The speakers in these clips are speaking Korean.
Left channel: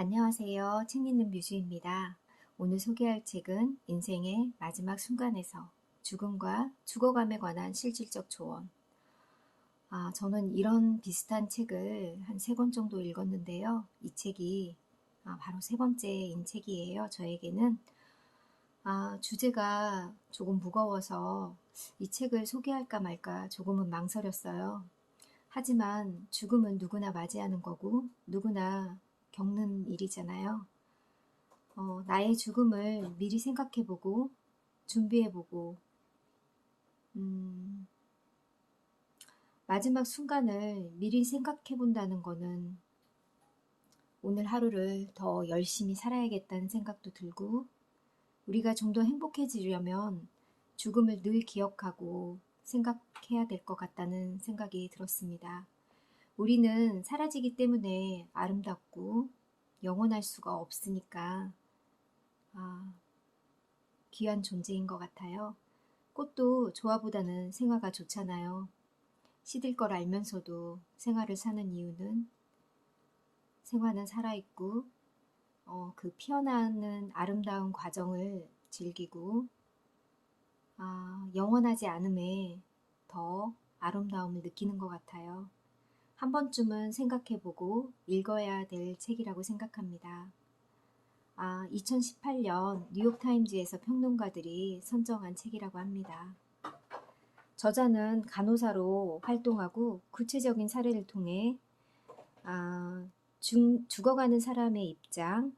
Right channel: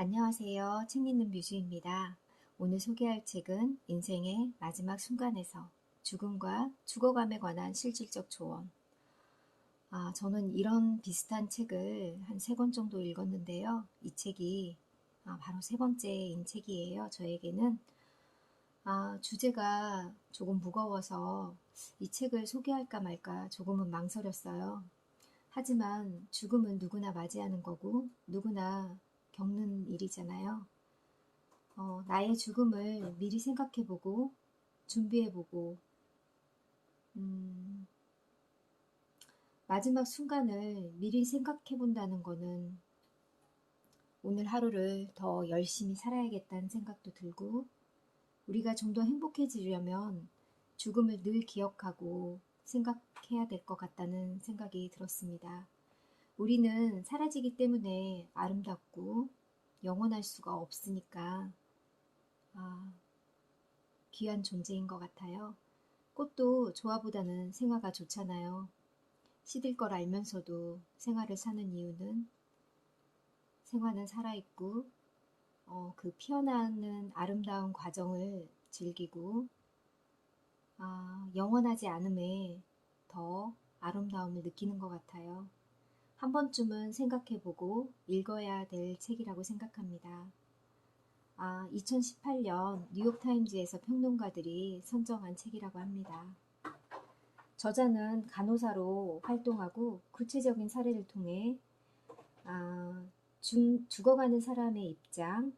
안녕하세요. 책 읽는 뮤즈입니다. 오늘 소개할 책은 인생의 마지막 순간에서 죽음과 죽어감에 관한 실질적 조언. 저는 이런 비슷한 책을 한 3권 정도 읽었는데요. 이 책이 바로 세 번째인 책이에요. 저에게는 주제가 조금 무거워서 이 책을 소개할까 말까 조금은 망설였어요. 하지만 죽음은 누구나 맞이하는 거고 누구나 겪는 일이잖아요. 나의 죽음을 미리 생각해보고 준비해보고 마지막 순간을 미리 생각해본다는 거는 오늘 하루를 더 열심히 살아야겠다는 생각도 들고 우리가 좀 더 행복해지려면 죽음을 늘 기억하고 생각해야 될 것 같다는 생각이 들었습니다. 우리는 사라지기 때문에 아름답고 영원할 수가 없으니까 귀한 존재인 것 같아요. 꽃도 조화보다는 생화가 좋잖아요. 시들 걸 알면서도 생화를 사는 이유는 생화는 살아있고 그 피어나는 아름다운 과정을 즐기고 영원하지 않음에 더 아름다움을 느끼는 것 같아요. 한 번쯤은 생각해보고 읽어야 될 책이라고 생각합니다. 2018년 뉴욕타임즈에서 평론가들이 선정한 책이라고 합니다. 저자는 간호사로 활동하고 구체적인 사례를 통해 죽어가는 사람의 입장,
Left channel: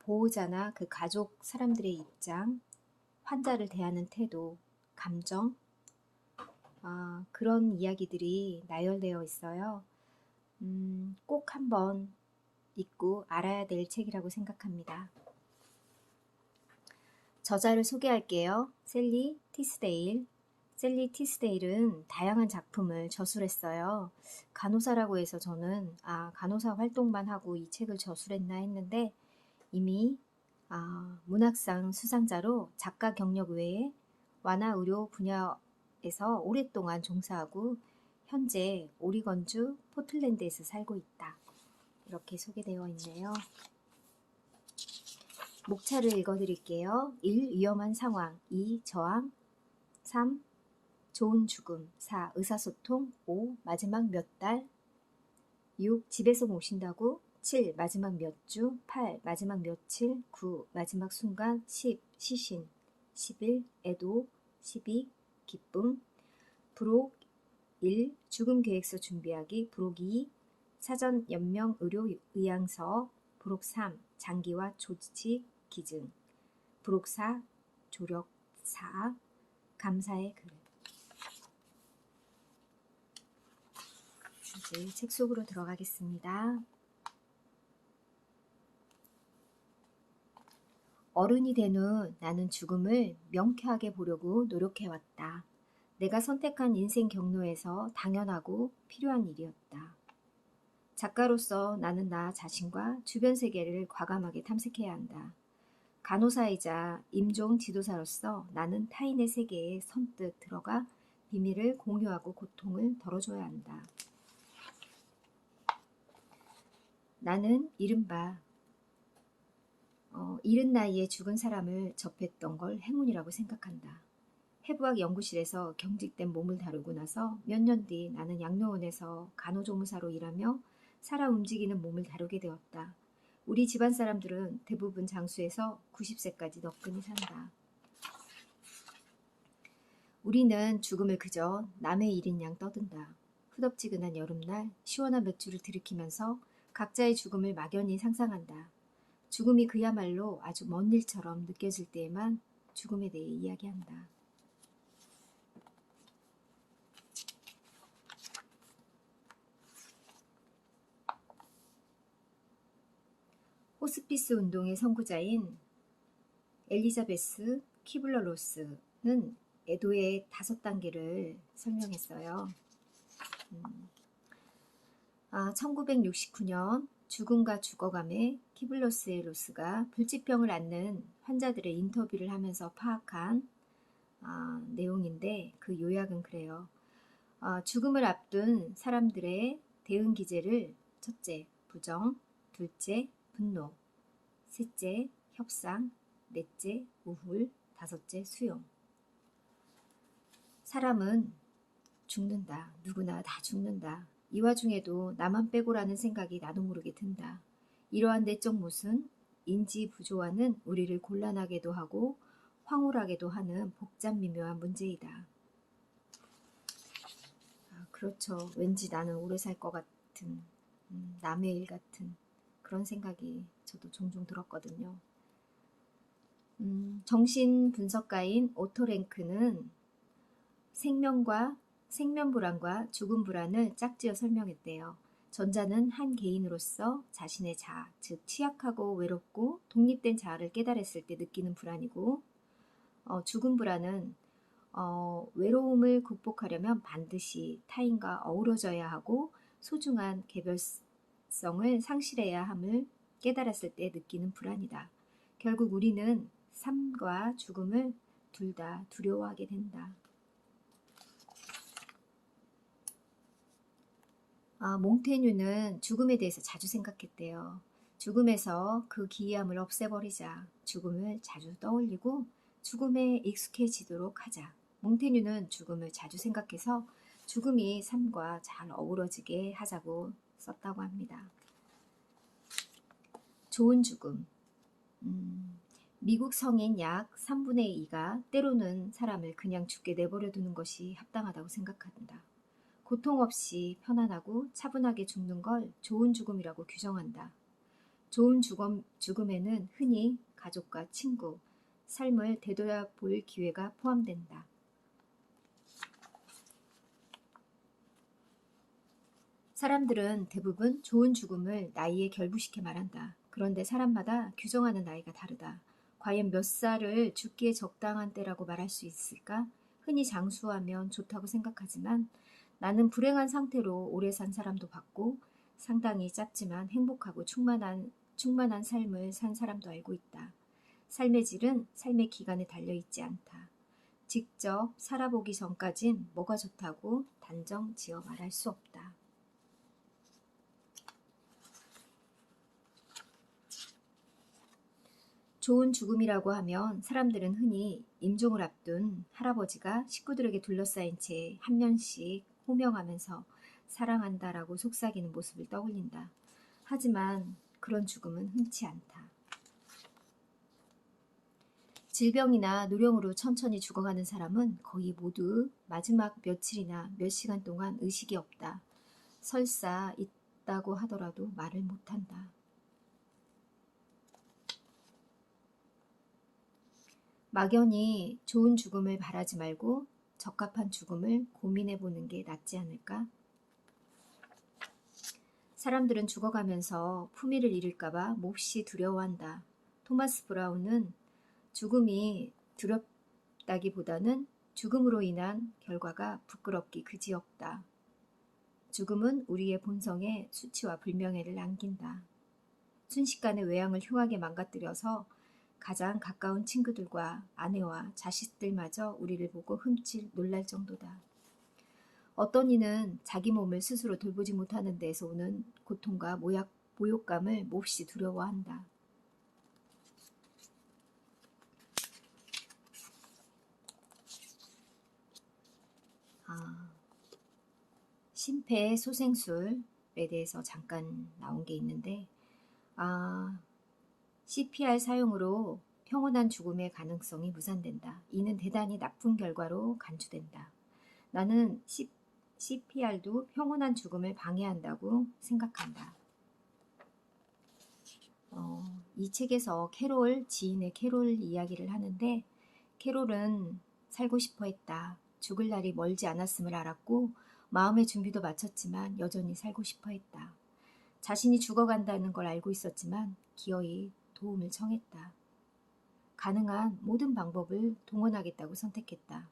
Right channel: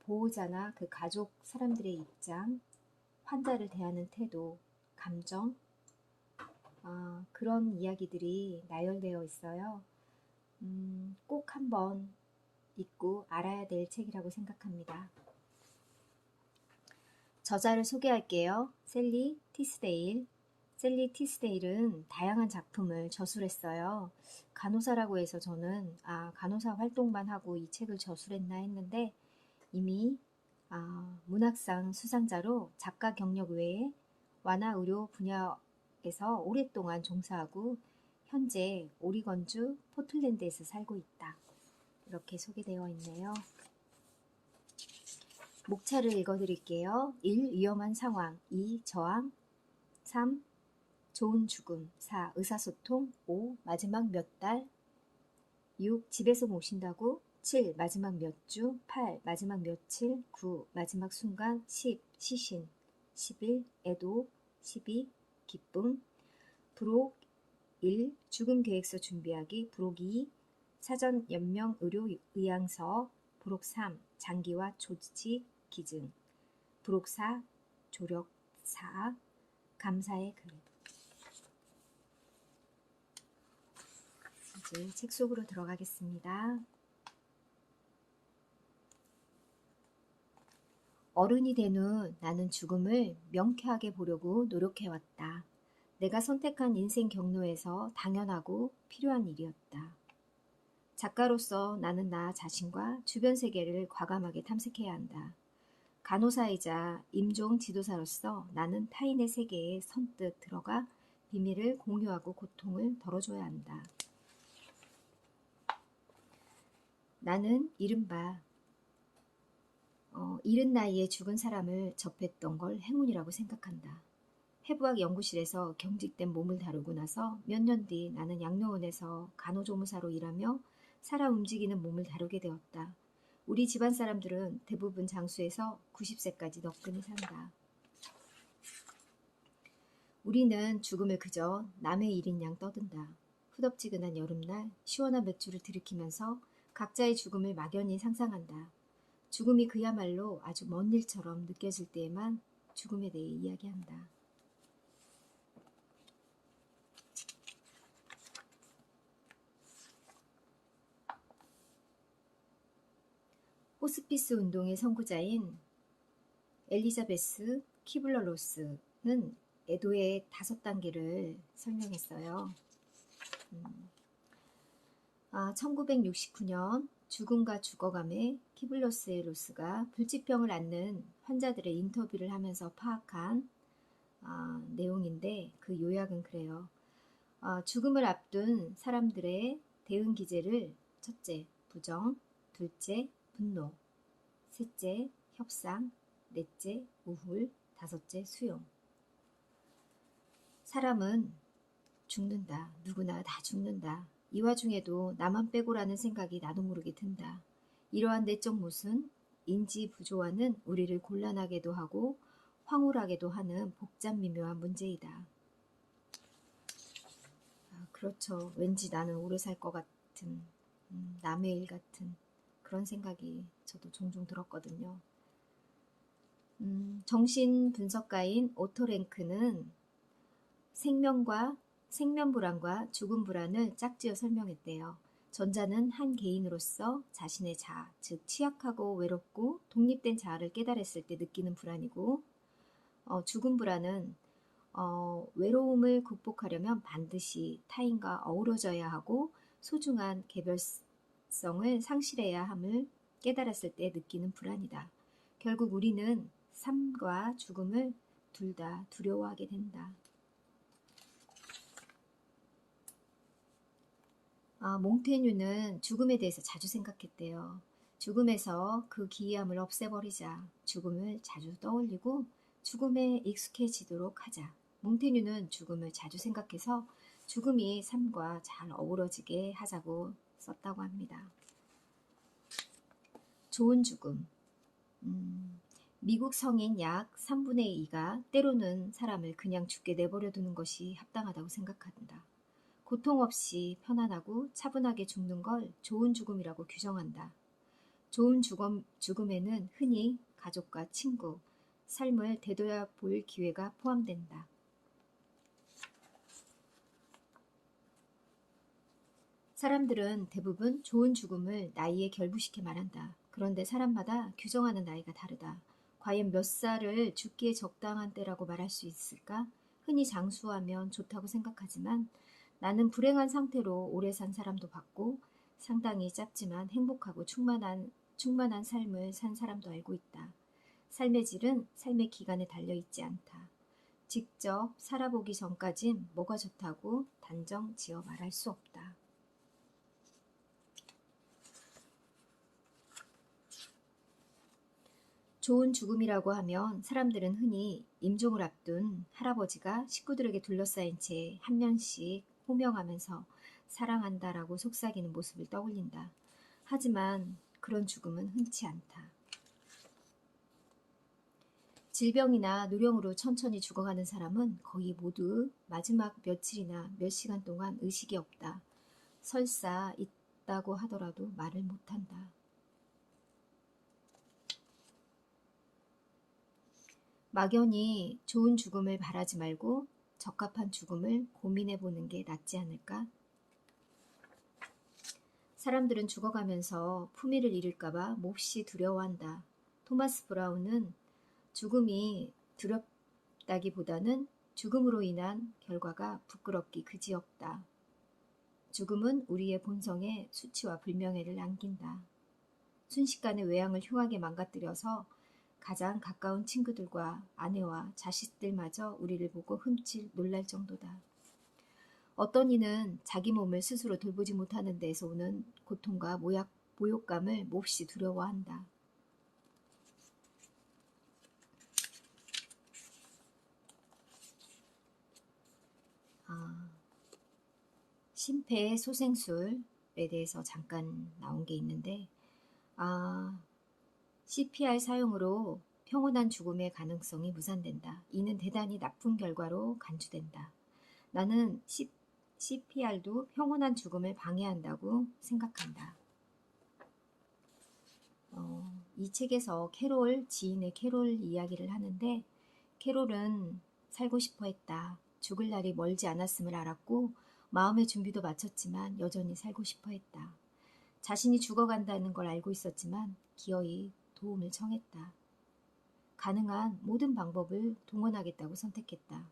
보호자나 그 가족 사람들의 입장, 환자를 대하는 태도, 감정, 그런 이야기들이 나열되어 있어요. 꼭 한번 읽고 알아야 될 책이라고 생각합니다. 저자를 소개할게요. 셀리 티스데일. 셀리 티스데일은 다양한 작품을 저술했어요. 간호사라고 해서 저는 간호사 활동만 하고 이 책을 저술했나 했는데 이미 문학상 수상자로 작가 경력 외에 완화의료 분야에서 오랫동안 종사하고 현재 오리건주 포틀랜드에서 살고 있다. 이렇게 소개되어 있네요. 목차를 읽어드릴게요. 1. 위험한 상황. 2. 저항. 3. 좋은 죽음. 4. 의사소통. 5. 마지막 몇 달. 6. 집에서 모신다고. 7. 마지막 몇 주. 8. 마지막 며칠. 9. 마지막 순간. 10. 시신. 11. 애도. 12. 기쁨. 부록 1. 죽음 계획서 준비하기. 부록 2. 사전 연명 의료 의향서. 부록 3. 장기와 조직 기증. 부록 4. 조력 4. 감사의 글. 이제 책 속으로 들어가겠습니다. 어른이 된 후 나는 죽음을 명쾌하게 보려고 노력해왔다. 내가 선택한 인생 경로에서 당연하고 필요한 일이었다. 작가로서 나는 나 자신과 주변 세계를 과감하게 탐색해야 한다. 간호사이자 임종 지도사로서 나는 타인의 세계에 선뜻 들어가 비밀을 공유하고 고통을 덜어줘야 한다. 나는 이른바 이른 나이에 죽은 사람을 접했던 걸 행운이라고 생각한다. 해부학 연구실에서 경직된 몸을 다루고 나서 몇 년 뒤 나는 양로원에서 간호조무사로 일하며 살아 움직이는 몸을 다루게 되었다. 우리 집안 사람들은 대부분 장수해서 90세까지 너끈히 산다. 우리는 죽음을 그저 남의 일인 양 떠든다. 후덥지근한 여름날 시원한 맥주를 들이키면서 각자의 죽음을 막연히 상상한다. 죽음이 그야말로 아주 먼 일처럼 느껴질 때에만 죽음에 대해 이야기한다. 호스피스 운동의 선구자인 엘리자베스 키블러 로스는 애도의 5단계를 설명했어요. 1969년 죽음과 죽어감에 키블러스의 로스가 불치병을 앓는 환자들의 인터뷰를 하면서 파악한 내용인데 그 요약은 그래요. 죽음을 앞둔 사람들의 대응 기제를 첫째, 부정, 둘째, 분노, 셋째, 협상, 넷째, 우울, 다섯째, 수용. 사람은 죽는다. 누구나 다 죽는다. 이 와중에도 나만 빼고라는 생각이 나도 모르게 든다. 이러한 내적 모순, 인지 부조화는 우리를 곤란하게도 하고 황홀하게도 하는 복잡 미묘한 문제이다. 그렇죠. 왠지 나는 오래 살 것 같은, 남의 일 같은 그런 생각이 저도 종종 들었거든요. 정신 분석가인 오토랭크는 생면 불안과 죽음 불안을 짝지어 설명했대요. 전자는 한 개인으로서 자신의 자아, 즉 취약하고 외롭고 독립된 자아를 깨달았을 때 느끼는 불안이고, 죽음 불안은 외로움을 극복하려면 반드시 타인과 어우러져야 하고 소중한 개별성을 상실해야 함을 깨달았을 때 느끼는 불안이다. 결국 우리는 삶과 죽음을 둘 다 두려워하게 된다. 몽테뉴는 죽음에 대해서 자주 생각했대요. 죽음에서 그 기이함을 없애버리자. 죽음을 자주 떠올리고 죽음에 익숙해지도록 하자. 몽테뉴는 죽음을 자주 생각해서 죽음이 삶과 잘 어우러지게 하자고 썼다고 합니다. 좋은 죽음. 미국 성인 약 3분의 2가 때로는 사람을 그냥 죽게 내버려 두는 것이 합당하다고 생각한다. 고통 없이 편안하고 차분하게 죽는 걸 좋은 죽음이라고 규정한다. 좋은 죽음에는 흔히 가족과 친구, 삶을 되돌아볼 기회가 포함된다. 사람들은 대부분 좋은 죽음을 나이에 결부시켜 말한다. 그런데 사람마다 규정하는 나이가 다르다. 과연 몇 살을 죽기에 적당한 때라고 말할 수 있을까? 흔히 장수하면 좋다고 생각하지만 나는 불행한 상태로 오래 산 사람도 봤고 상당히 짧지만 행복하고 충만한 삶을 산 사람도 알고 있다. 삶의 질은 삶의 기간에 달려있지 않다. 직접 살아보기 전까진 뭐가 좋다고 단정 지어 말할 수 없다. 좋은 죽음이라고 하면 사람들은 흔히 임종을 앞둔 할아버지가 식구들에게 둘러싸인 채 한 명씩 호명하면서 사랑한다라고 속삭이는 모습을 떠올린다. 하지만 그런 죽음은 흔치 않다. 질병이나 노령으로 천천히 죽어가는 사람은 거의 모두 마지막 며칠이나 몇 시간 동안 의식이 없다. 설사 있다고 하더라도 말을 못한다. 막연히 좋은 죽음을 바라지 말고 적합한 죽음을 고민해보는 게 낫지 않을까? 사람들은 죽어가면서 품위를 잃을까봐 몹시 두려워한다. 토마스 브라운은 죽음이 두렵다기보다는 죽음으로 인한 결과가 부끄럽기 그지없다. 죽음은 우리의 본성에 수치와 불명예를 남긴다. 순식간에 외양을 흉하게 망가뜨려서 가장 가까운 친구들과 아내와 자식들마저 우리를 보고 흠칫 놀랄 정도다. 어떤 이는 자기 몸을 스스로 돌보지 못하는 데에서 오는 고통과 모욕감을 몹시 두려워한다. 심폐소생술에 대해서 잠깐 나온 게 있는데 CPR 사용으로 평온한 죽음의 가능성이 무산된다. 이는 대단히 나쁜 결과로 간주된다. 나는 CPR도 평온한 죽음을 방해한다고 생각한다. 이 책에서 지인의 캐롤 이야기를 하는데 캐롤은 살고 싶어 했다. 죽을 날이 멀지 않았음을 알았고 마음의 준비도 마쳤지만 여전히 살고 싶어 했다. 자신이 죽어간다는 걸 알고 있었지만 기어이 도움을 청했다. 가능한 모든 방법을 동원하겠다고 선택했다.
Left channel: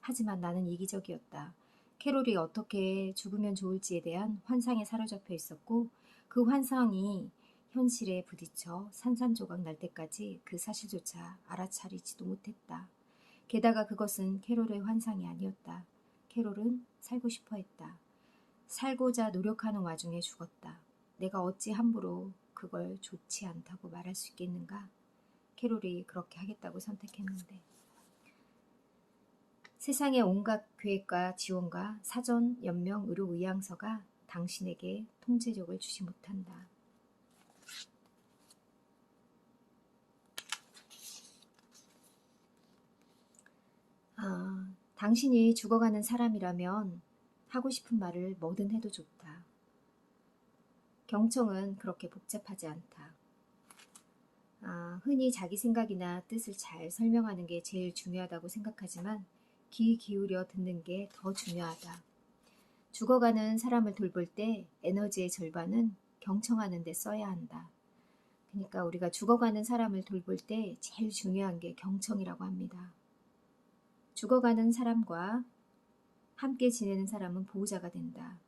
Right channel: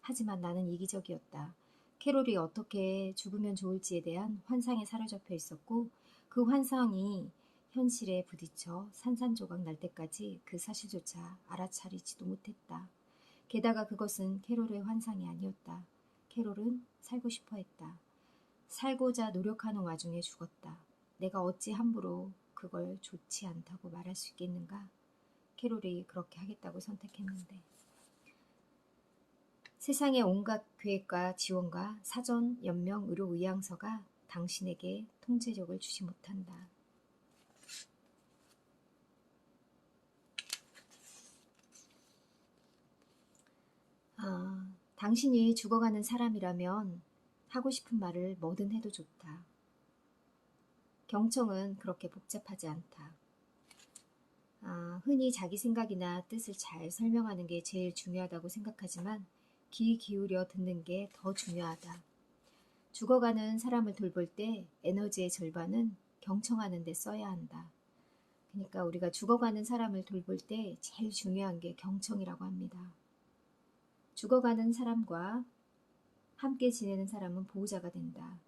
하지만 나는 이기적이었다. 캐롤이 어떻게 죽으면 좋을지에 대한 환상에 사로잡혀 있었고 그 환상이 현실에 부딪혀 산산조각 날 때까지 그 사실조차 알아차리지도 못했다. 게다가 그것은 캐롤의 환상이 아니었다. 캐롤은 살고 싶어 했다. 살고자 노력하는 와중에 죽었다. 내가 어찌 함부로 그걸 좋지 않다고 말할 수 있겠는가? 캐롤이 그렇게 하겠다고 선택했는데. 세상의 온갖 계획과 지원과 사전, 연명, 의료 의향서가 당신에게 통제력을 주지 못한다. 당신이 죽어가는 사람이라면 하고 싶은 말을 뭐든 해도 좋다. 경청은 그렇게 복잡하지 않다. 흔히 자기 생각이나 뜻을 잘 설명하는 게 제일 중요하다고 생각하지만 귀 기울여 듣는 게 더 중요하다. 죽어가는 사람을 돌볼 때 에너지의 절반은 경청하는 데 써야 한다. 그러니까 우리가 죽어가는 사람을 돌볼 때 제일 중요한 게 경청이라고 합니다. 죽어가는 사람과 함께 지내는 사람은 보호자가 된다.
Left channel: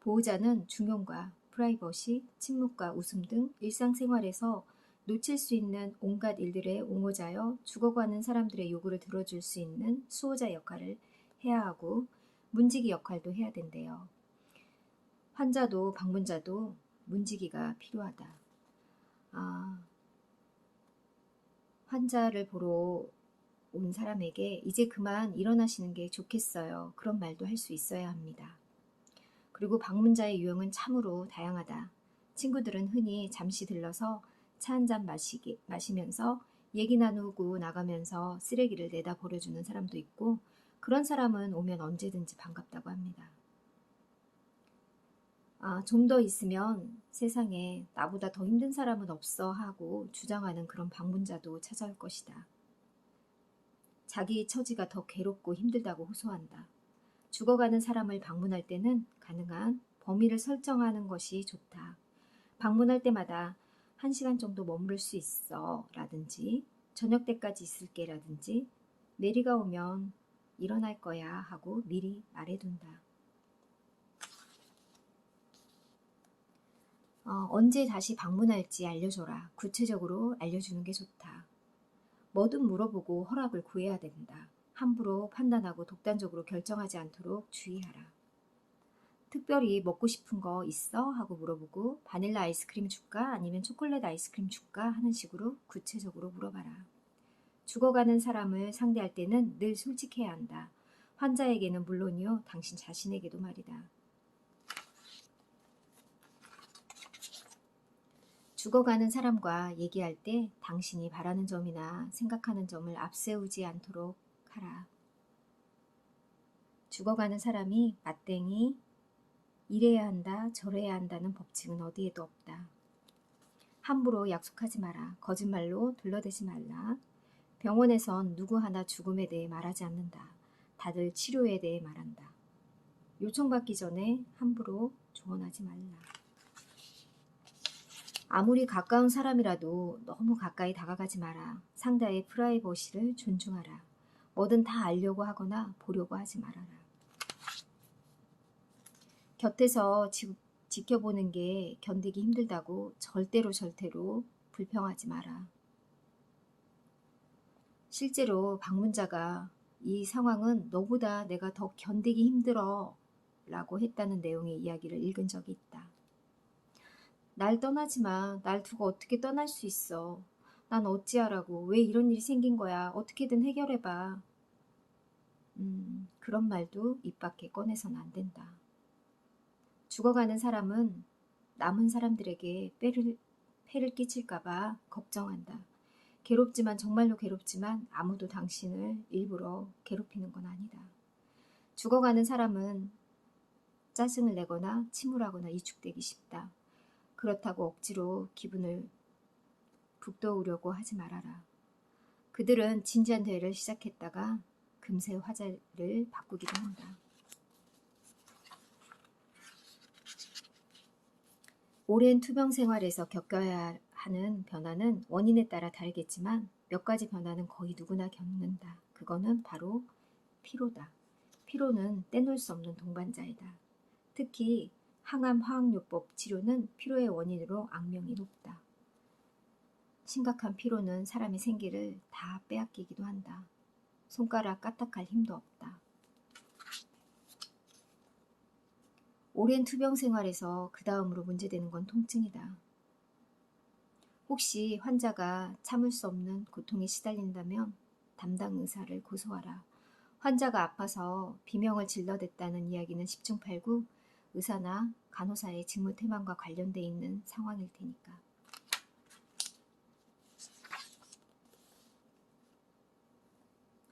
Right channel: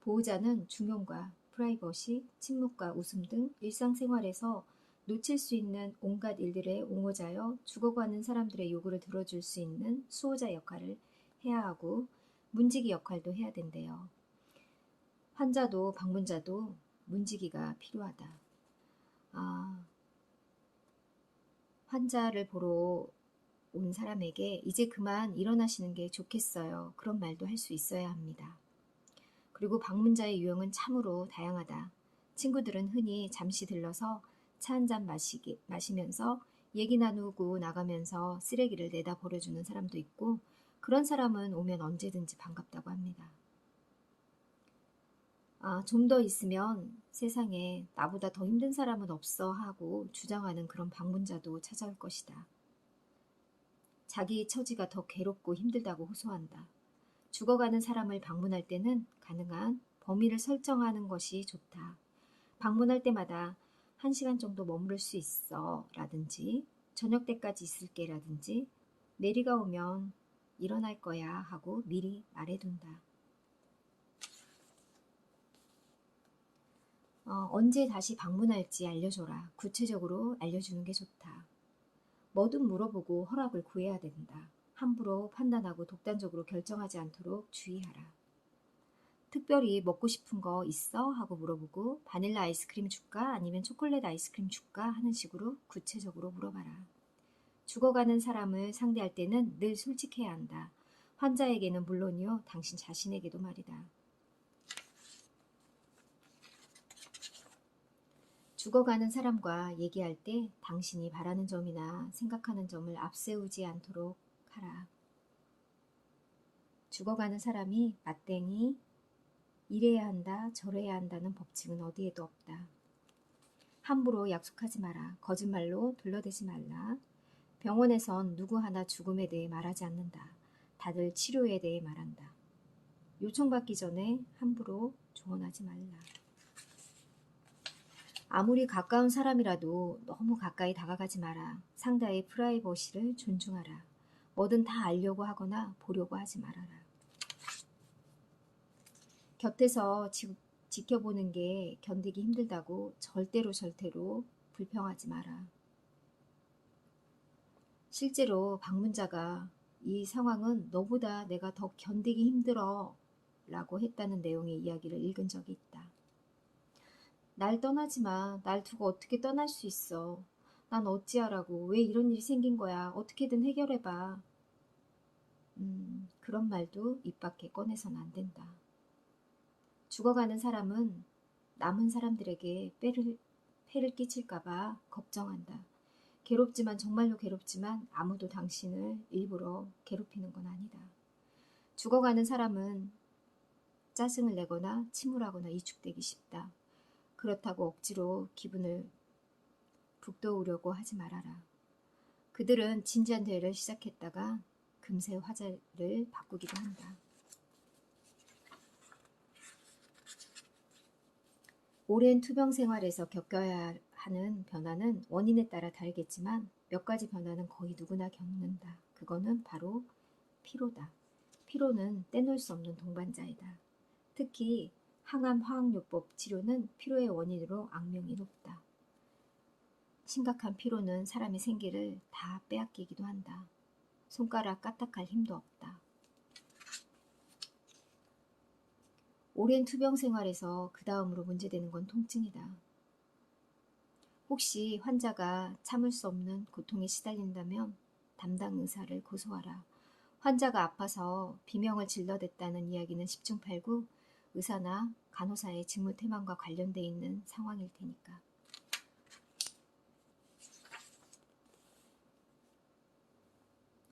보호자는 중용과 프라이버시, 침묵과 웃음 등 일상생활에서 놓칠 수 있는 온갖 일들에 옹호자여 죽어가는 사람들의 요구를 들어줄 수 있는 수호자 역할을 해야 하고 문지기 역할도 해야 된대요. 환자도 방문자도 문지기가 필요하다. 환자를 보러 온 사람에게 이제 그만 일어나시는 게 좋겠어요. 그런 말도 할 수 있어야 합니다. 그리고 방문자의 유형은 참으로 다양하다. 친구들은 흔히 잠시 들러서 차 한잔 마시면서 얘기 나누고 나가면서 쓰레기를 내다 버려주는 사람도 있고 그런 사람은 오면 언제든지 반갑다고 합니다. 좀 더 있으면 세상에 나보다 더 힘든 사람은 없어 하고 주장하는 그런 방문자도 찾아올 것이다. 자기 처지가 더 괴롭고 힘들다고 호소한다. 죽어가는 사람을 방문할 때는 가능한 범위를 설정하는 것이 좋다. 방문할 때마다 1시간 정도 머무를 수 있어 라든지 저녁 때까지 있을게 라든지 메리가 오면 일어날 거야 하고 미리 말해둔다. 언제 다시 방문할지 알려줘라. 구체적으로 알려주는 게 좋다. 뭐든 물어보고 허락을 구해야 된다. 함부로 판단하고 독단적으로 결정하지 않도록 주의하라. 특별히 먹고 싶은 거 있어? 하고 물어보고 바닐라 아이스크림 줄까? 아니면 초콜릿 아이스크림 줄까? 하는 식으로 구체적으로 물어봐라. 죽어가는 사람을 상대할 때는 늘 솔직해야 한다. 환자에게는 물론이요, 당신 자신에게도 말이다. 죽어가는 사람과 얘기할 때 당신이 바라는 점이나 생각하는 점을 앞세우지 않도록 하라. 죽어가는 사람이 맞댕이, 이래야 한다, 저래야 한다는 법칙은 어디에도 없다. 함부로 약속하지 마라. 거짓말로 둘러대지 말라. 병원에선 누구 하나 죽음에 대해 말하지 않는다. 다들 치료에 대해 말한다. 요청받기 전에 함부로 조언하지 말라. 아무리 가까운 사람이라도 너무 가까이 다가가지 마라. 상대의 프라이버시를 존중하라. 뭐든 다 알려고 하거나 보려고 하지 말아라. 곁에서 지켜보는 게 견디기 힘들다고 절대로 불평하지 마라. 실제로 방문자가 이 상황은 너보다 내가 더 견디기 힘들어 라고 했다는 내용의 이야기를 읽은 적이 있다. 날 떠나지 마. 날 두고 어떻게 떠날 수 있어. 난 어찌하라고. 왜 이런 일이 생긴 거야. 어떻게든 해결해봐. 그런 말도 입 밖에 꺼내선 안 된다. 죽어가는 사람은 남은 사람들에게 폐를 끼칠까봐 걱정한다. 괴롭지만 정말로 괴롭지만 아무도 당신을 일부러 괴롭히는 건 아니다. 죽어가는 사람은 짜증을 내거나 침울하거나 이축되기 쉽다. 그렇다고 억지로 기분을 북돋우려고 하지 말아라. 그들은 진지한 대화를 시작했다가 금세 화제를 바꾸기도 한다. 오랜 투병 생활에서 겪어야 하는 변화는 원인에 따라 다르겠지만 몇 가지 변화는 거의 누구나 겪는다. 그거는 바로 피로다. 피로는 떼놓을 수 없는 동반자이다. 특히 항암 화학요법 치료는 피로의 원인으로 악명이 높다. 심각한 피로는 사람의 생기를 다 빼앗기기도 한다. 손가락 까딱할 힘도 없다. 오랜 투병 생활에서 그 다음으로 문제되는 건 통증이다. 혹시 환자가 참을 수 없는 고통에 시달린다면 담당 의사를 고소하라. 환자가 아파서 비명을 질러댔다는 이야기는 10중 8구 의사나 간호사의 직무태만과 관련돼 있는 상황일 테니까.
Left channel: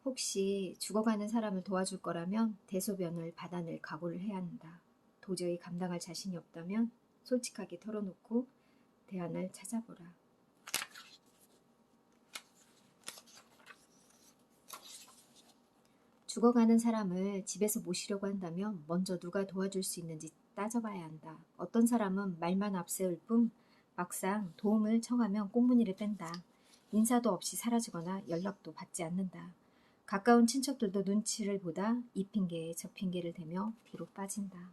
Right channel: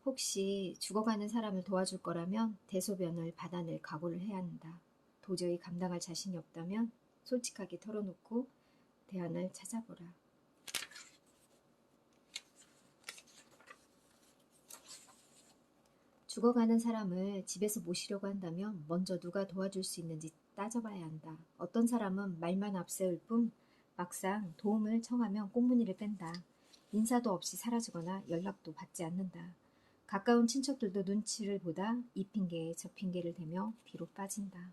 혹시 죽어가는 사람을 도와줄 거라면 대소변을 받아낼 각오를 해야 한다. 도저히 감당할 자신이 없다면 솔직하게 털어놓고 대안을 찾아보라. 죽어가는 사람을 집에서 모시려고 한다면 먼저 누가 도와줄 수 있는지 따져봐야 한다. 어떤 사람은 말만 앞세울 뿐 막상 도움을 청하면 꽁무니를 뺀다. 인사도 없이 사라지거나 연락도 받지 않는다. 가까운 친척들도 눈치를 보다 이 핑계에 저 핑계를 대며 뒤로 빠진다.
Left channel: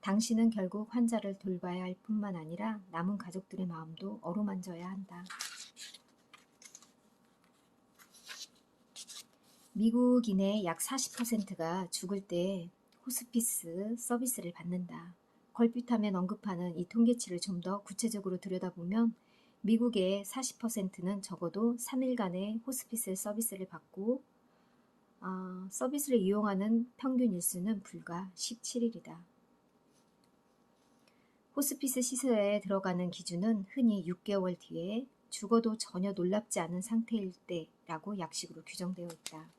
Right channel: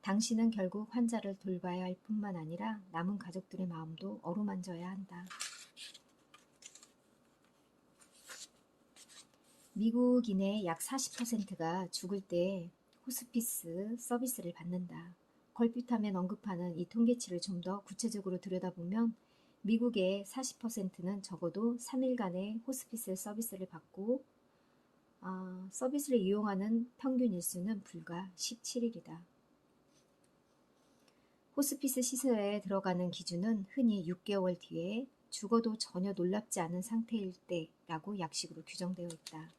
당신은 결국 환자를 돌봐야 할 뿐만 아니라 남은 가족들의 마음도 어루만져야 한다. 미국인의 약 40%가 죽을 때 호스피스 서비스를 받는다. 걸핏하면 언급하는 이 통계치를 좀 더 구체적으로 들여다보면 미국의 40%는 적어도 3일간의 호스피스 서비스를 받고 서비스를 이용하는 평균 일수는 불과 17일이다. 호스피스 시설에 들어가는 기준은 흔히 6개월 뒤에 죽어도 전혀 놀랍지 않은 상태일 때라고 약식으로 규정되어 있다.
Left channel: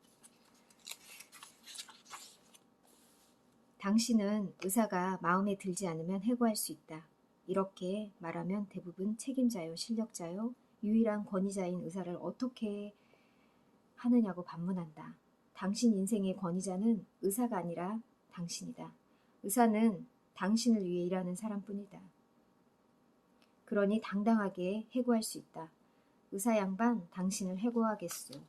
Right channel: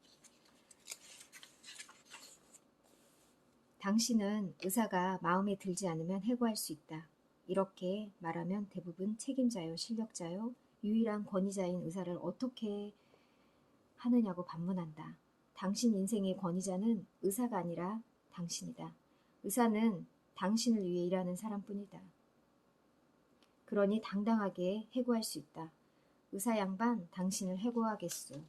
당신은 의사가 마음에 들지 않으면 해고할 수 있다. 이렇게 말하면 대부분 책임자요, 실력자요, 유일한 권위자인 의사를 어떻게 하느냐고 반문한다. 당신 인생의 권위자는 의사가 아니라 당신이다. 의사는 당신을 위해 일하는 사람뿐이다. 그러니 당당하게 해고할 수 있다. 의사 양반, 당신을 해고하겠소.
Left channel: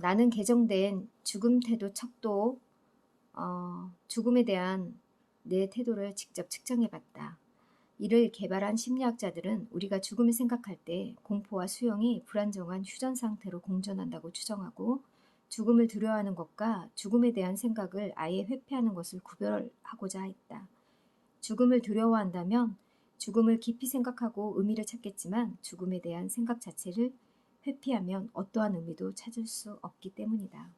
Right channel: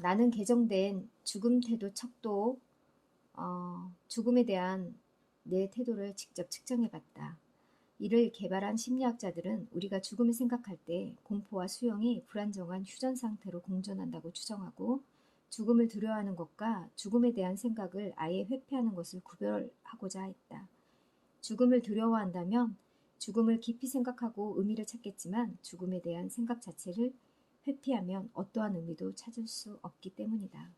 나는 개정된 죽음 태도 척도 죽음에 대한 내 태도를 직접 측정해봤다. 이를 개발한 심리학자들은 우리가 죽음을 생각할 때 공포와 수용이 불안정한 휴전 상태로 공존한다고 추정하고 죽음을 두려워하는 것과 죽음에 대한 생각을 아예 회피하는 것을 구별하고자 했다. 죽음을 두려워한다면 죽음을 깊이 생각하고 의미를 찾겠지만 죽음에 대한 생각 자체를 회피하면 어떠한 의미도 찾을 수 없기 때문이다.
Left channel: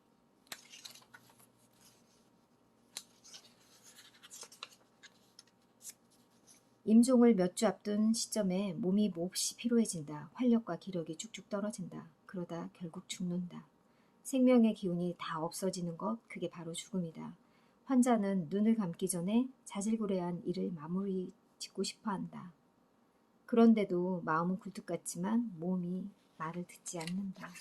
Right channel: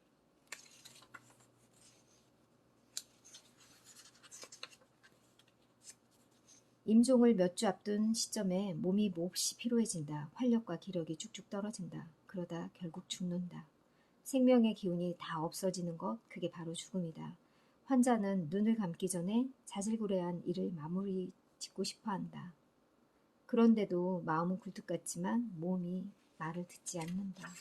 임종을 몇 주 앞둔 시점에 몸이 몹시 피로해진다. 활력과 기력이 쭉쭉 떨어진다. 그러다 결국 죽는다. 생명의 기운이 다 없어지는 것, 그게 바로 죽음이다. 환자는 눈을 감기 전에 자질구레한 일을 마무리 짓고 싶어 한다. 그런데도 마음은 굴뚝 같지만 몸이 말을 듣지 않는다.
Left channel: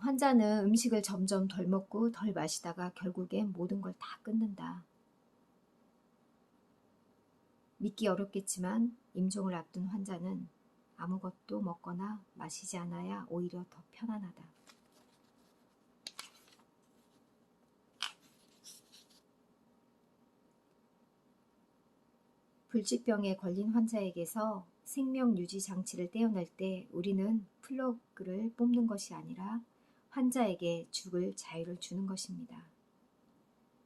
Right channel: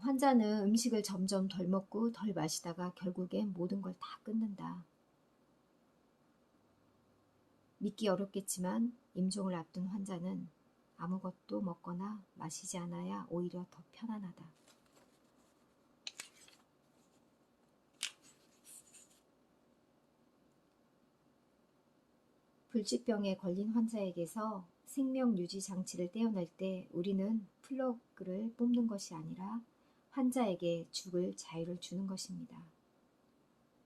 환자는 음식을 점점 덜 먹고 덜 마시다가 결국엔 모든 걸 다 끊는다. 믿기 어렵겠지만 임종을 앞둔 환자는 아무것도 먹거나 마시지 않아야 오히려 더 편안하다. 불치병에 걸린 환자에게서 생명 유지 장치를 떼어낼 때 우리는 플러그를 뽑는 것이 아니라 환자에게 죽을 자유를 주는 것입니다.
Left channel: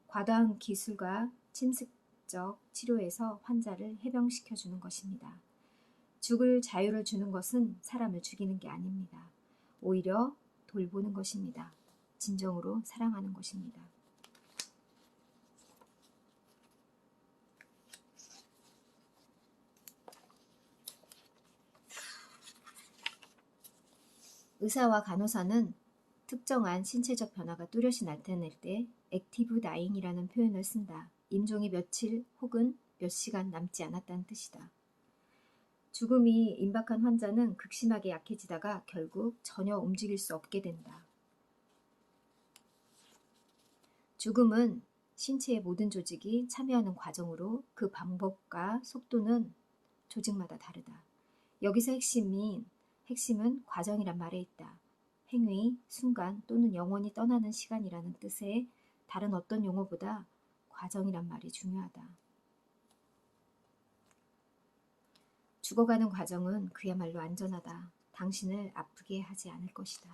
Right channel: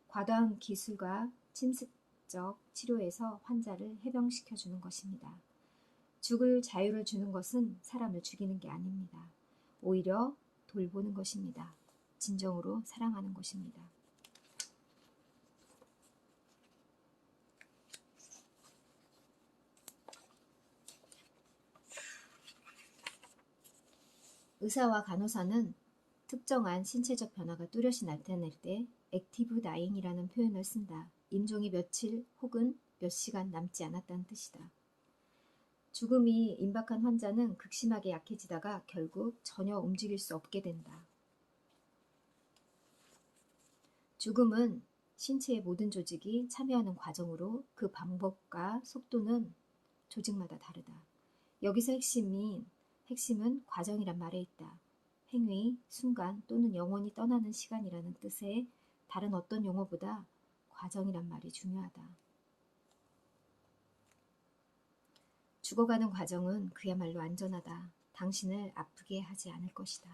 과다한 기술과 침습적 치료에서 환자를 해병시켜주는 것입니다. 죽을 자유를 주는 것은 사람을 죽이는 게 아닙니다. 오히려 돌보는 것입니다. 진정으로 사랑하는 것입니다. 의사와 간호사는 특정한 신체적 변화가 뚜렷이 나타날 때 액티브 다잉이라는 표현을 쓴다. 임종이 며칠 혹은 몇 시간 남지 않았다는 뜻이다. 죽음이 임박한 환자는 극심하게 약해지다가 결국 전혀 움직일 수 없게 된다. 죽음은 신체의 모든 조직이 참여하는 과정으로 그 방법과 속도는 조직마다 다르다. 여기서 핵심은 과정이란 말에 있다. 행위, 순간 또는 영원히 떠나는 시간이라는 뜻의 다른 어떤 용어보다 과정이란 말이 중요하다. 죽어가는 과정은 그야말로 안전하다. 당신을 아프게 하지 않을 것이다.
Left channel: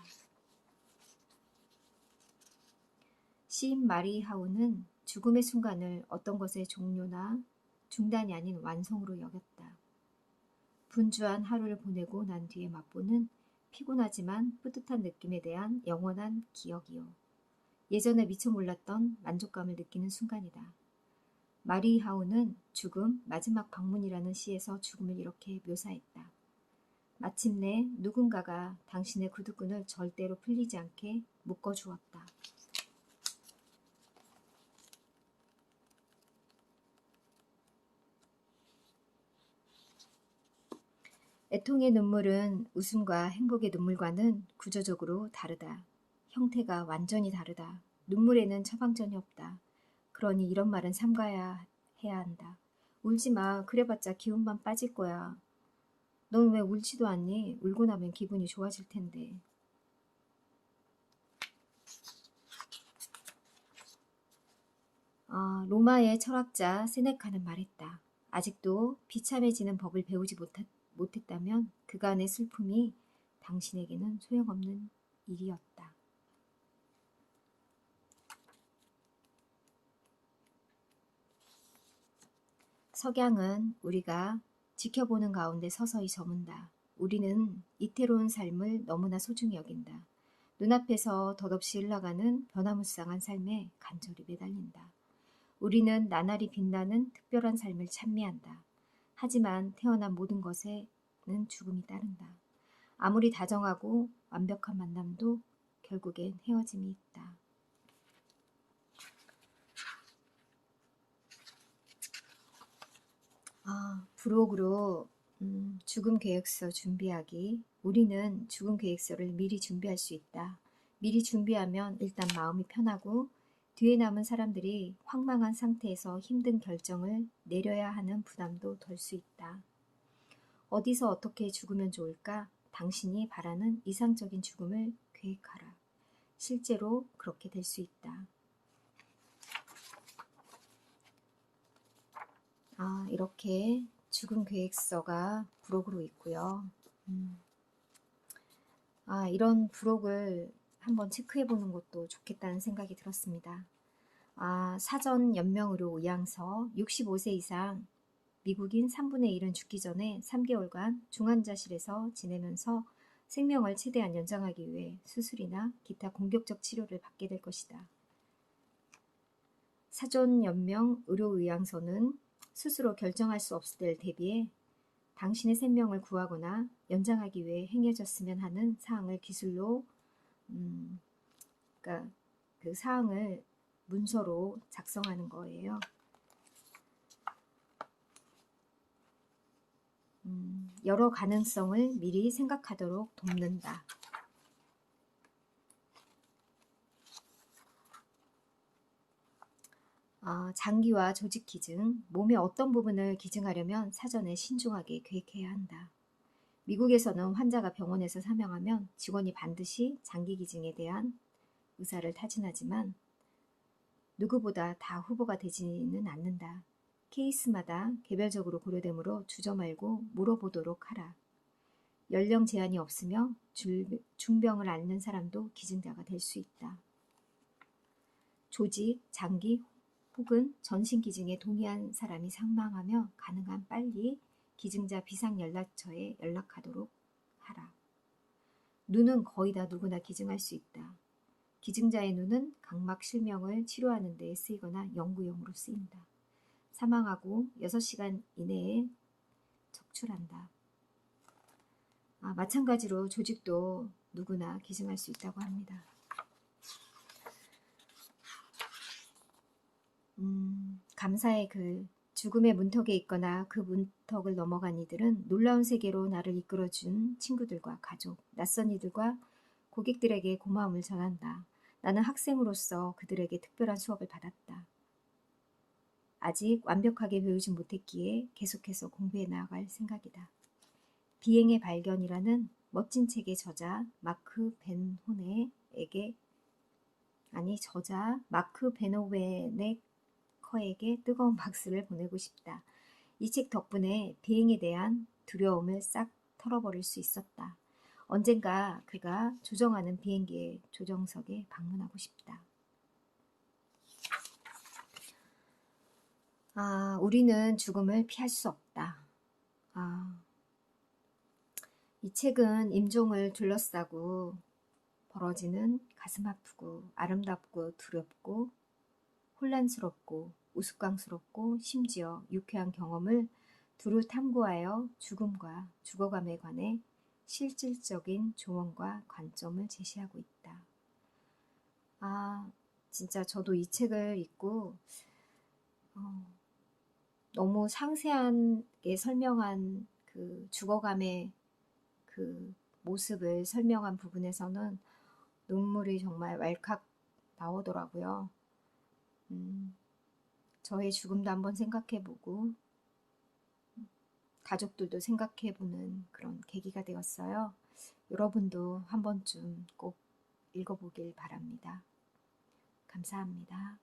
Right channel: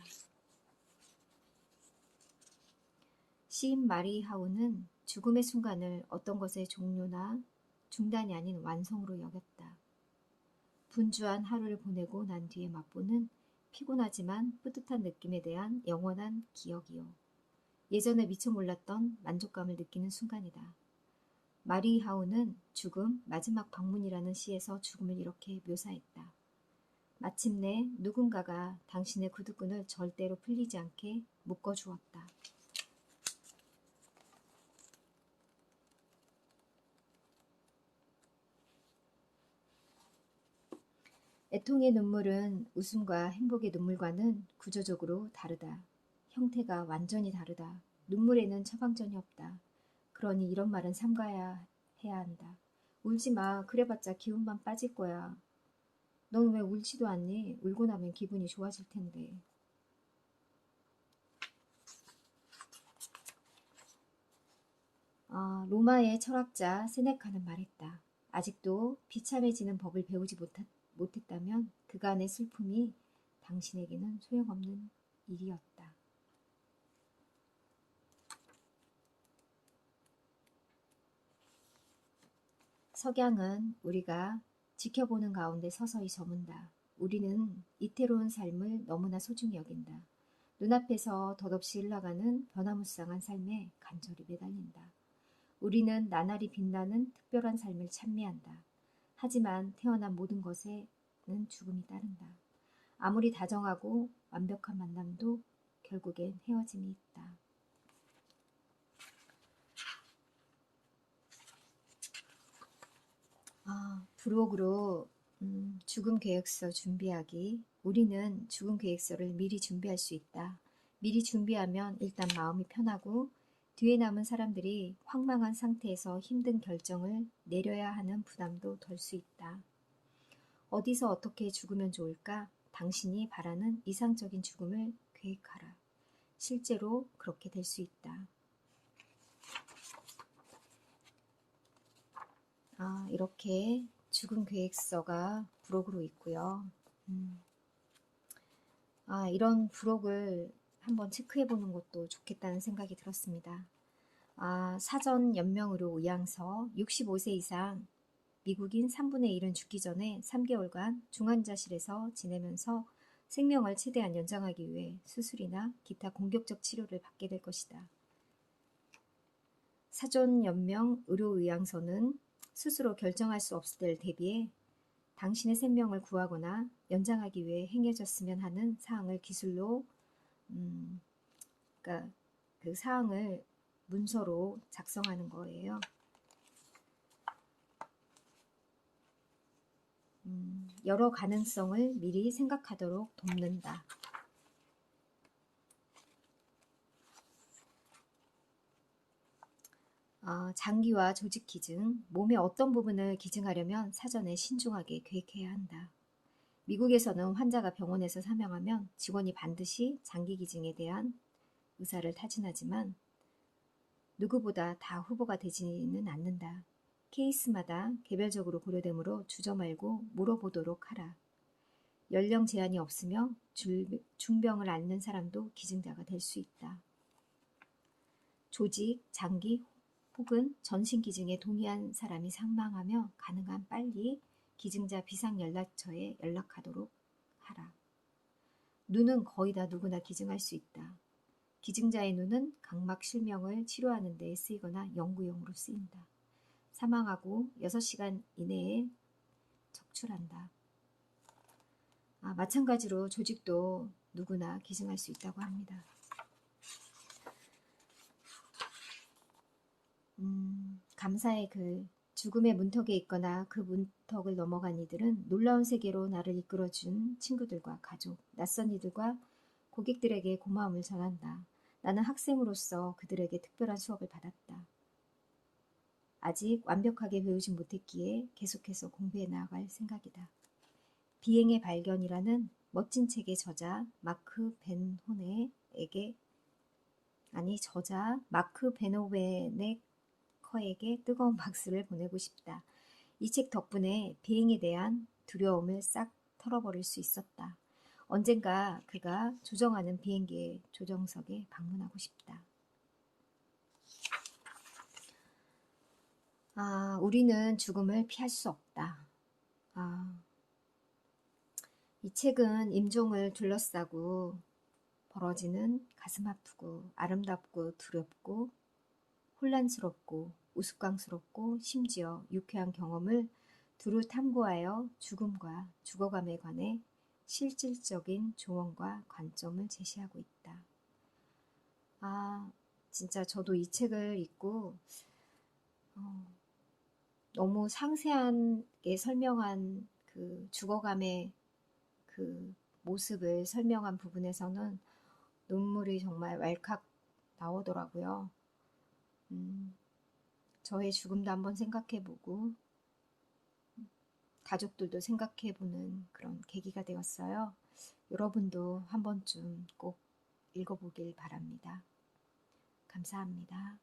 시인 마리 하우는 죽음의 순간을 어떤 것의 종료나 중단이 아닌 완성으로 여겼다. 분주한 하루를 보내고 난 뒤에 맛보는 피곤하지만 뿌듯한 느낌에 대한 영원한 기억이요. 예전에 미처 몰랐던 만족감을 느끼는 순간이다. 마리 하우는 죽음, 마지막 방문이라는 시에서 죽음을 이렇게 묘사했다. 마침내 누군가가 당신의 구두끈을 절대로 풀리지 않게 묶어주었다. 애통의 눈물은 웃음과 행복의 눈물과는 구조적으로 다르다. 형태가 완전히 다르다. 눈물에는 처방전이 없다. 그러니 이런 말은 삼가야 해야 한다. 울지 마. 그래봤자 기운만 빠질 거야. 넌 왜 울지도 않니? 울고 나면 기분이 좋아질 텐데. 로마의 철학자 세네카는 말했다. 아직도 비참해지는 법을 배우지 못했다면 그간의 슬픔이 당신에게는 소용없는 일이었다. 석양은 우리가 지켜보는 가운데 서서히 저문다. 우리는 이태로운 삶을 너무나 소중히 여긴다. 눈앞에서 덧없이 흘러가는 변화무쌍한 삶에 간절히 매달린다. 우리는 나날이 빛나는 특별한 삶을 찬미한다. 하지만 태어난 모든 것에는 죽음이 따른다. 아무리 다정하고 완벽한 만남도 결국엔 헤어짐이 있다. 부록으로 죽음 계획서 준비하기. 우리는 죽음 계획서를 미리 준비할 수 있다. 미리 준비하면 일단 마음이 편하고 뒤에 남은 사람들이 황망한 상태에서 힘든 결정을 내려야 하는 부담도 덜 수 있다. 어디서 어떻게 죽으면 좋을까? 당신이 바라는 이상적인 죽음을 계획하라. 실제로 그렇게 될 수 있다. 이렇게 죽음 계획서가 부록으로 있고요. 이런 부록을 한번 체크해보는 것도 좋겠다는 생각이 들었습니다. 사전 연명의료 의향서 65세 이상 미국인 3분의 1은 죽기 전에 3개월간 중환자실에서 지내면서 생명을 최대한 연장하기 위해 수술이나 기타 공격적 치료를 받게 될 것이다. 사전 연명 의료 의향서는 스스로 결정할 수 없을 때를 대비해 당신의 생명을 구하거나 연장하기 위해 행해졌으면 하는 사항을 기술로 그러니까 그 사항을 문서로 작성하는 거예요. 여러 가능성을 미리 생각하도록 돕는다. 장기와 조직 기증, 몸의 어떤 부분을 기증하려면 사전에 신중하게 계획해야 한다. 미국에서는 환자가 병원에서 사망하면 직원이 반드시 장기 기증에 대한 의사를 타진하지만 누구보다 다 후보가 되지는 않는다. 케이스마다 개별적으로 고려되므로 주저 말고 물어보도록 하라. 연령 제한이 없으며 중병을 앓는 사람도 기증자가 될 수 있다. 조직, 장기 혹은 전신 기증에 동의한 사람이 사망하며 가능한 빨리 기증자 비상연락처에 연락하도록 하라. 눈은 거의 다 누구나 기증할 수 있다. 기증자의 눈은 각막 실명을 치료하는 데 쓰이거나 연구용으로 쓰인다. 사망하고 6시간 이내에 적출한다. 마찬가지로 조직도 누구나 기증할 수 있다고 합니다. 감사의 글. 죽음의 문턱에 있거나 그 문턱을 넘어간 이들은 놀라운 세계로 나를 이끌어준 친구들과 가족, 낯선 이들과 고객들에게 고마움을 전한다. 나는 학생으로서 그들에게 특별한 수업을 받았다. 아직 완벽하게 배우지 못했기에 계속해서 공부해 나아갈 생각이다. 비행의 발견이라는 멋진 책의 저자 마크 베노웨네커에게 뜨거운 박수를 보내고 싶다. 이 책 덕분에 비행에 대한 두려움을 싹 털어버릴 수 있었다. 언젠가 그가 조정하는 비행기의 조정석에 방문하고 싶다. 우리는 죽음을 피할 수 없다. 이 책은 임종을 둘러싸고 벌어지는 가슴 아프고 아름답고 두렵고 혼란스럽고 우스꽝스럽고 심지어 유쾌한 경험을 두루 탐구하여 죽음과 죽어감에 관해 실질적인 조언과 관점을 제시하고 있다. 진짜 저도 이 책을 읽고 너무 상세하게 설명한 그 죽어감의 그 모습을 설명한 부분에서는 눈물이 정말 왈칵 나오더라고요. 저의 죽음도 한번 생각해보고 가족들도 생각해보는 그런 계기가 되었어요. 여러분도 한 번쯤 꼭 읽어보길 바랍니다. 감사합니다.